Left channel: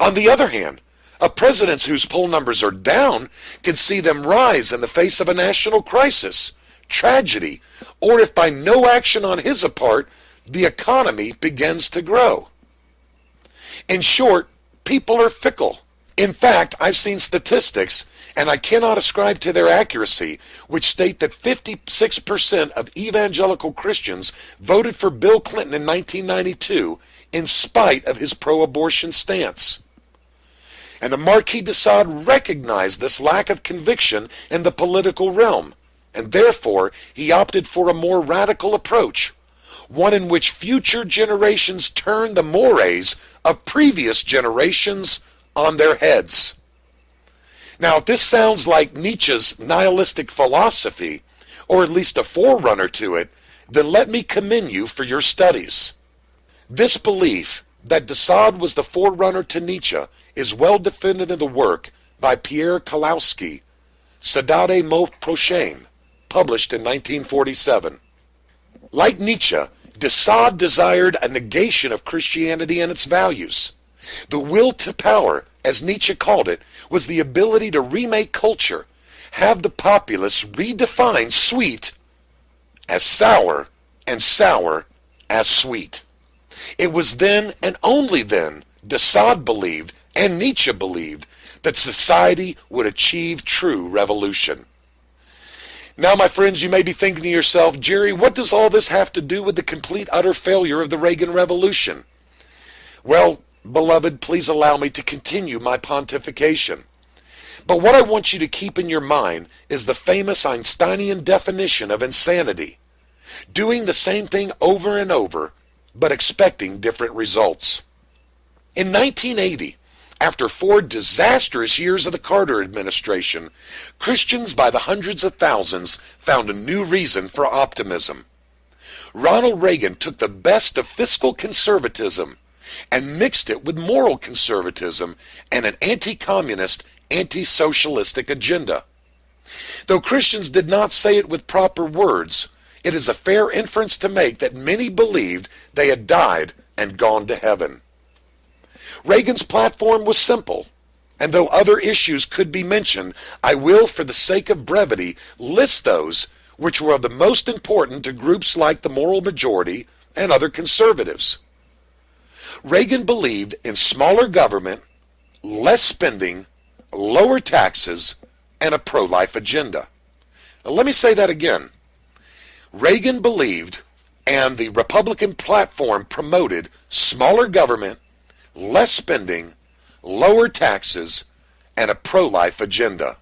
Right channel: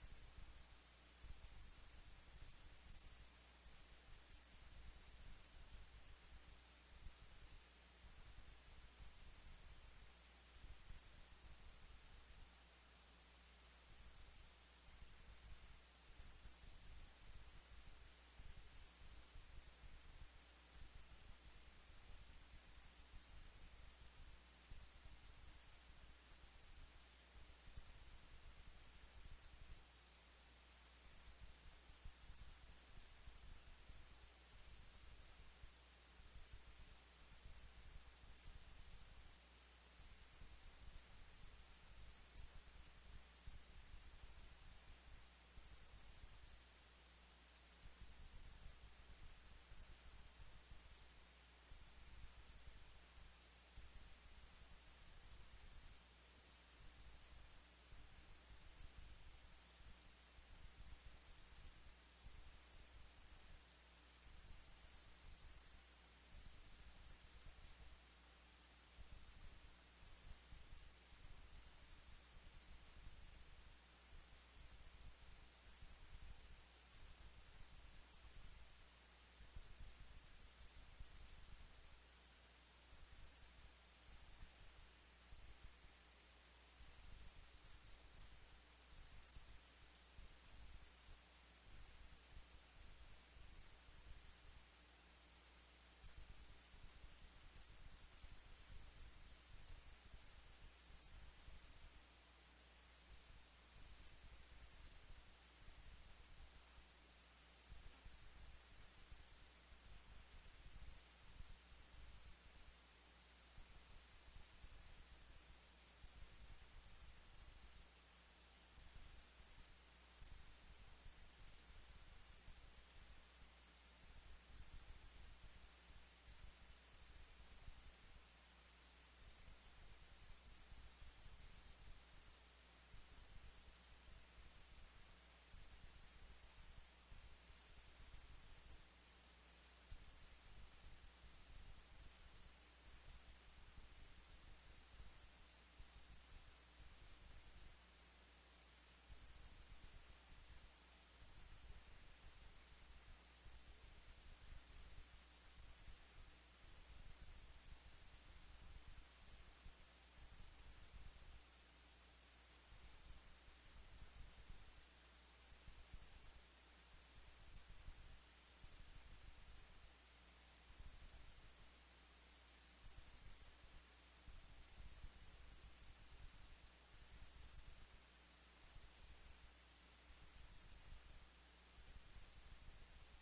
On the other hand, a president whose poll numbers are down can see them rise in the face of a national crisis, tragedy, or if by no action on his part, the economy begins to grow. In short, people are fickle. In fact, I've seen statistics, and I cannot ascribe to their accuracy, which state that 56% of evangelical Christians voted for Bill Clinton in 1992 in spite of his pro-abortion stance. And the Marquis de Sade recognized this lack of conviction in the political realm, and therefore he opted for a more radical approach, one in which future generations turn the mores of previous generations on their heads. Now, if this sounds like Nietzsche's nihilistic philosophy, or at least a forerunner to it, then let me commend you for your studies. This belief that de Sade was the forerunner to Nietzsche is well defended in the work by Pierre Kalowski, Sadade Mot Prochain, published in 1947. Like Nietzsche, de Sade desired a negation of Christianity and its values. The will to power, as Nietzsche called it, was the ability to remake culture, have the populace redefine sweet as sour and sour as sweet. It was then and only then de Sade believed, and Nietzsche believed, that society would achieve true revolution. Now, my friends, you may be thinking to yourself, Jerry, what does all this have to do with the complete utter failure of the Reagan Revolution? Well, beloved, please allow me to continue my pontification. But what I want you to keep in your mind is the famous Einsteinian definition of insanity: doing the same thing over and over, but expecting different results. In 1980, after 4 disastrous years of the Carter administration, Christians by the hundreds of thousands found a new reason for optimism. Ronald Reagan took the best of fiscal conservatism and mixed it with moral conservatism and an anti-communist, anti-socialistic agenda. Though Christians did not say it with proper words, it is a fair inference to make that many believed they had died and gone to heaven. Reagan's platform was simple, and though other issues could be mentioned, I will, for the sake of brevity, list those which were of the most important to groups like the moral majority and other conservatives. Reagan believed in smaller government, less spending, lower taxes, and a pro-life agenda. Now, let me say that again. Reagan believed, and the Republican platform promoted, smaller government, less spending, lower taxes, and a pro-life agenda.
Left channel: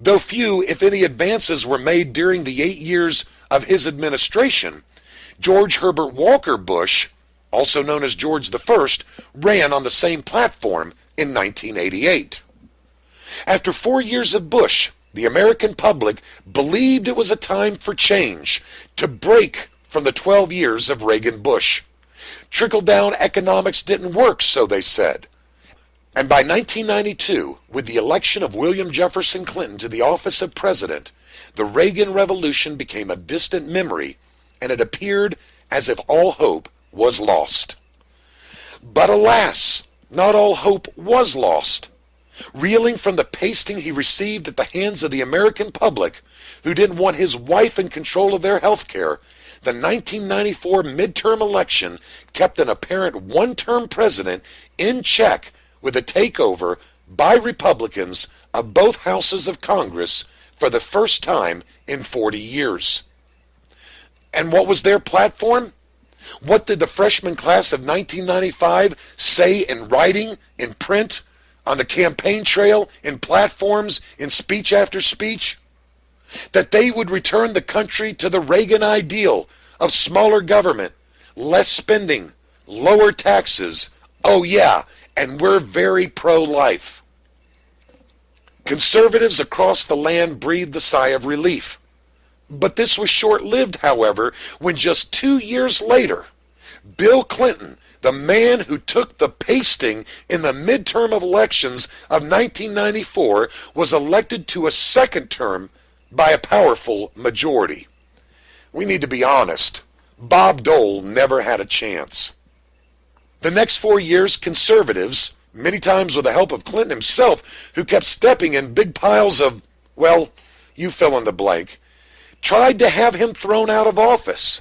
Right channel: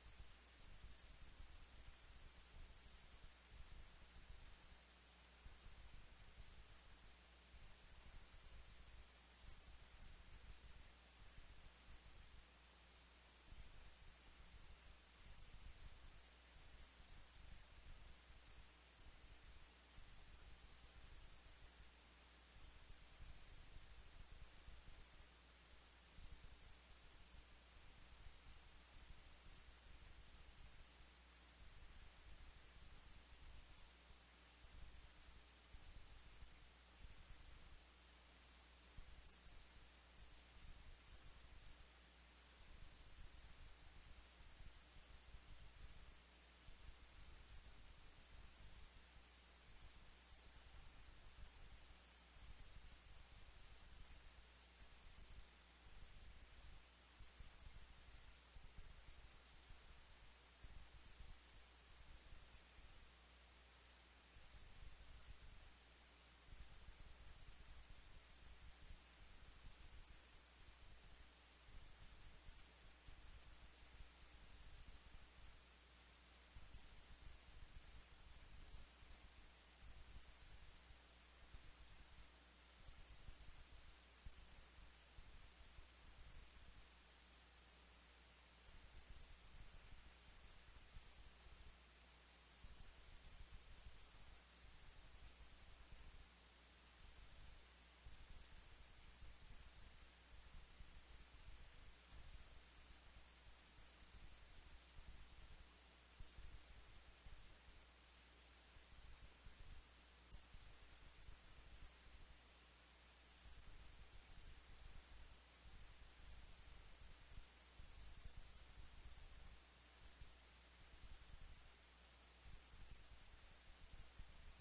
Though few, if any, advances were made during the 8 years of his administration, George Herbert Walker Bush, also known as George I, ran on the same platform in 1988. After 4 years of Bush, the American public believed it was a time for change, to break from the 12 years of Reagan-Bush. Trickle-down economics didn't work, so they said. And by 1992, with the election of William Jefferson Clinton to the office of president, the Reagan Revolution became a distant memory, and it appeared as if all hope was lost. But alas, not all hope was lost. Reeling from the pasting he received at the hands of the American public, who didn't want his wife in control of their health care, the 1994 midterm election kept an apparent one-term president in check with a takeover by Republicans of both houses of Congress for the first time in 40 years. And what was their platform? What did the freshman class of 1995 say in writing, in print, on the campaign trail, in platforms, in speech after speech? That they would return the country to the Reagan ideal of smaller government, less spending, lower taxes. Oh yeah, and we're very pro-life. Conservatives across the land breathed a sigh of relief. But this was short-lived, however, when just 2 years later, Bill Clinton, the man who took the pasting in the midterm elections of 1994, was elected to a second term by a powerful majority. We need to be honest. Bob Dole never had a chance. The next 4 years, conservatives, many times with the help of Clinton himself, who kept stepping in big piles of, well, you fill in the blank, tried to have him thrown out of office.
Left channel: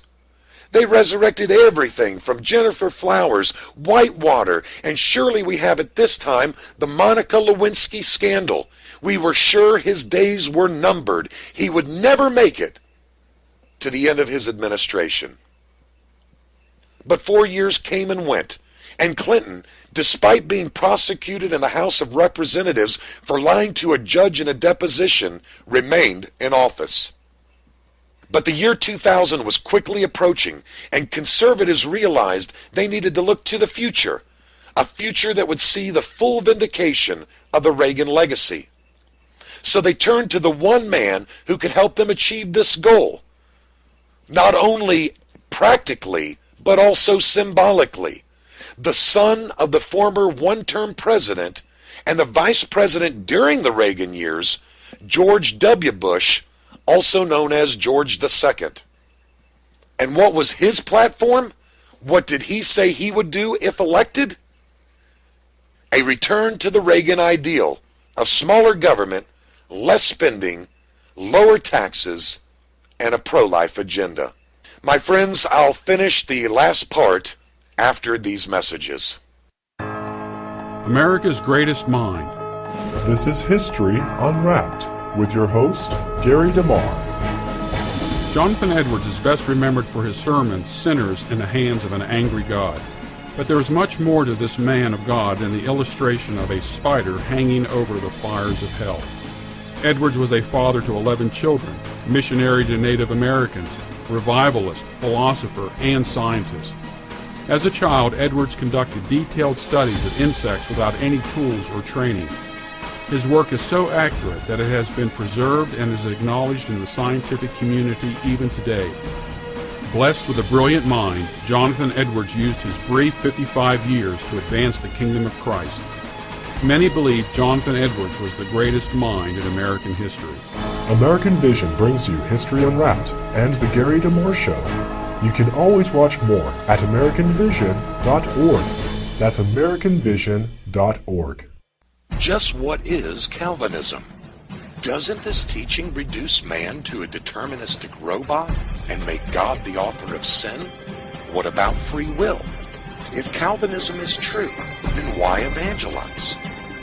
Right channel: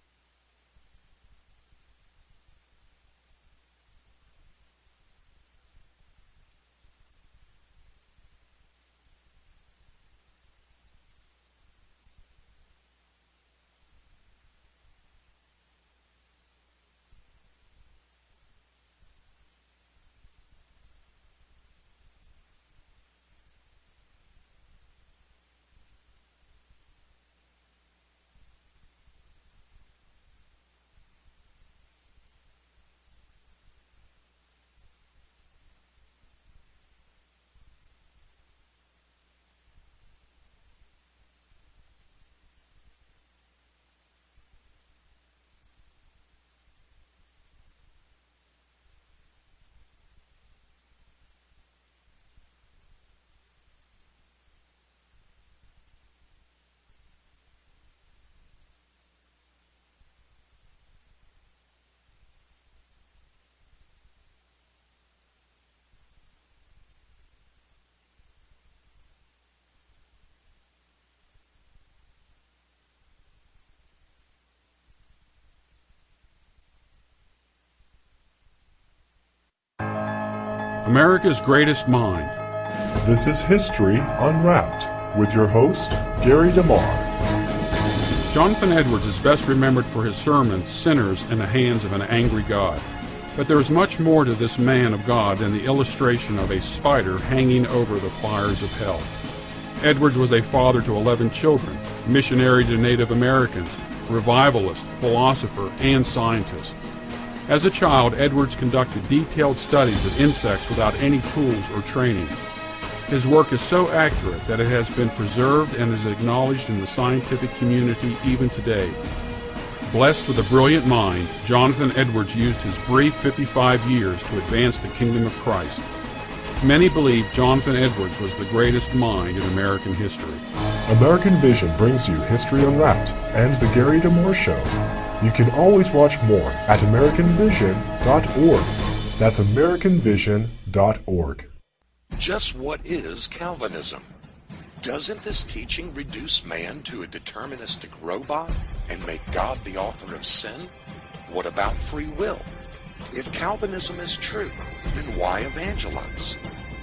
They resurrected everything from Jennifer Flowers, Whitewater, and surely we have at this time the Monica Lewinsky scandal. We were sure his days were numbered. He would never make it to the end of his administration. But 4 years came and went, and Clinton, despite being prosecuted in the House of Representatives for lying to a judge in a deposition, remained in office. But the year 2000 was quickly approaching, and conservatives realized they needed to look to the future, a future that would see the full vindication of the Reagan legacy. So they turned to the one man who could help them achieve this goal, not only practically, but also symbolically. The son of the former one-term president and the vice president during the Reagan years, George W. Bush, also known as George II. And what was his platform? What did he say he would do if elected? A return to the Reagan ideal of smaller government, less spending, lower taxes, and a pro-life agenda. My friends, I'll finish the last part after these messages. America's Greatest Mind. This is History Unwrapped with your host, Gary DeMar. Jonathan Edwards is best remembered for his sermon, Sinners in the Hands of an Angry God. But there is much more to this man of God than the illustration of a spider hanging over the fires of hell. Edwards was a father to 11 children, missionary to Native Americans, revivalist, philosopher, and scientist. As a child, Edwards conducted detailed studies of insects without any tools or training. His work is so accurate that it has been preserved and is acknowledged in the scientific community even today. Blessed with a brilliant mind, Jonathan Edwards used his brief 55 years to advance the kingdom of Christ. Many believe Jonathan Edwards was the greatest mind in American history. American Vision brings you History Unwrapped and The Gary DeMar Show. You can always watch more at AmericanVision.org. That's AmericanVision.org. Just what is Calvinism? Doesn't this teaching reduce man to a deterministic robot and make God the author of sin? What about free will? If Calvinism is true, then why evangelize?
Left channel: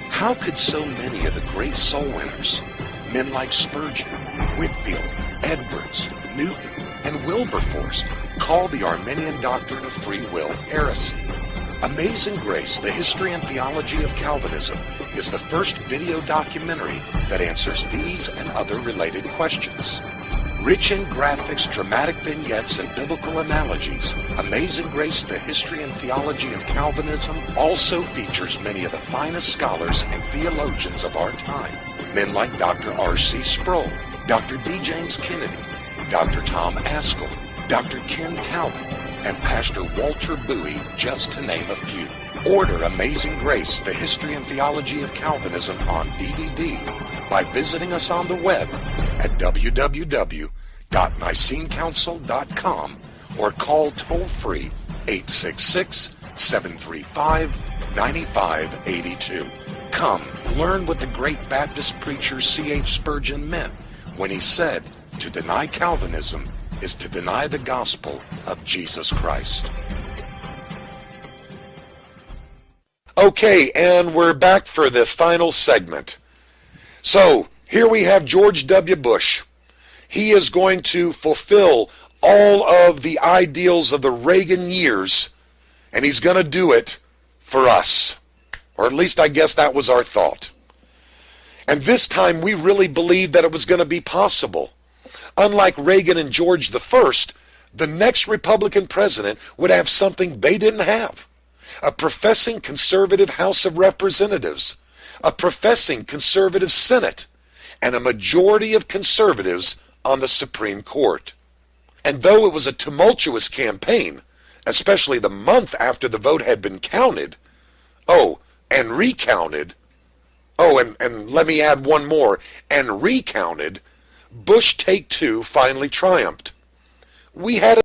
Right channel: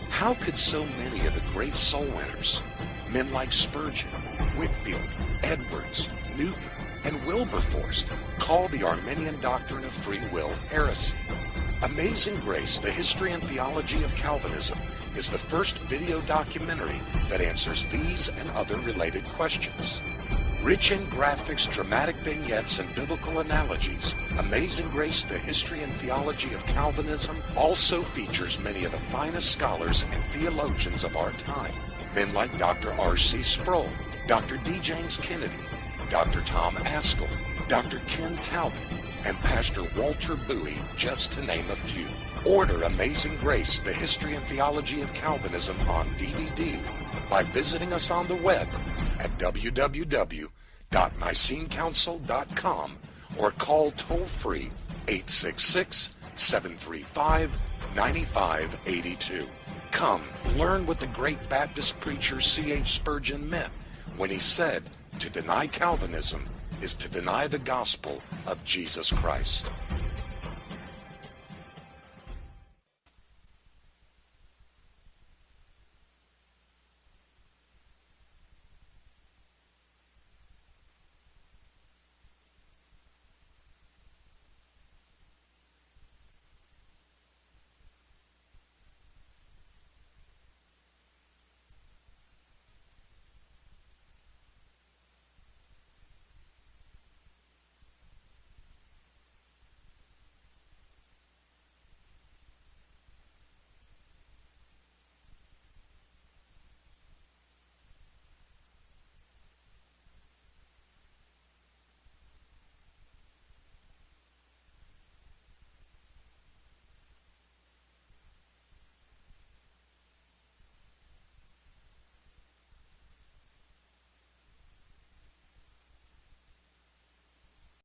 How could so many of the great soul winners, men like Spurgeon, Whitefield, Edwards, Newton, and Wilberforce, call the Arminian doctrine of free will heresy? Amazing Grace, the History and Theology of Calvinism, is the first video documentary that answers these and other related questions. Rich in graphics, dramatic vignettes, and biblical analogies, Amazing Grace, the History and Theology of Calvinism also features many of the finest scholars and theologians of our time. Men like Dr. R.C. Sproul, Dr. D. James Kennedy, Dr. Tom Askell, Dr. Ken Talbot, and Pastor Walter Bowie, just to name a few. Order Amazing Grace, the History and Theology of Calvinism on DVD by visiting us on the web at www.nicenecouncil.com or call toll-free 866-735-9582. Come, learn what the great Baptist preacher C.H. Spurgeon meant when he said, to deny Calvinism is to deny the gospel of Jesus Christ. Okay, and we're back for the final segment. So, here we have George W. Bush. He is going to fulfill all of the ideals of the Reagan years, and he's going to do it for us. Or at least I guess that was our thought. And this time we really believed that it was going to be possible. Unlike Reagan and George I, the next Republican president would have something they didn't have. A professing conservative House of Representatives, a professing conservative Senate, and a majority of conservatives on the Supreme Court. And though it was a tumultuous campaign, especially the month after the vote had been counted, and recounted, and let me add one more, and recounted, Bush Take Two finally triumphed. We had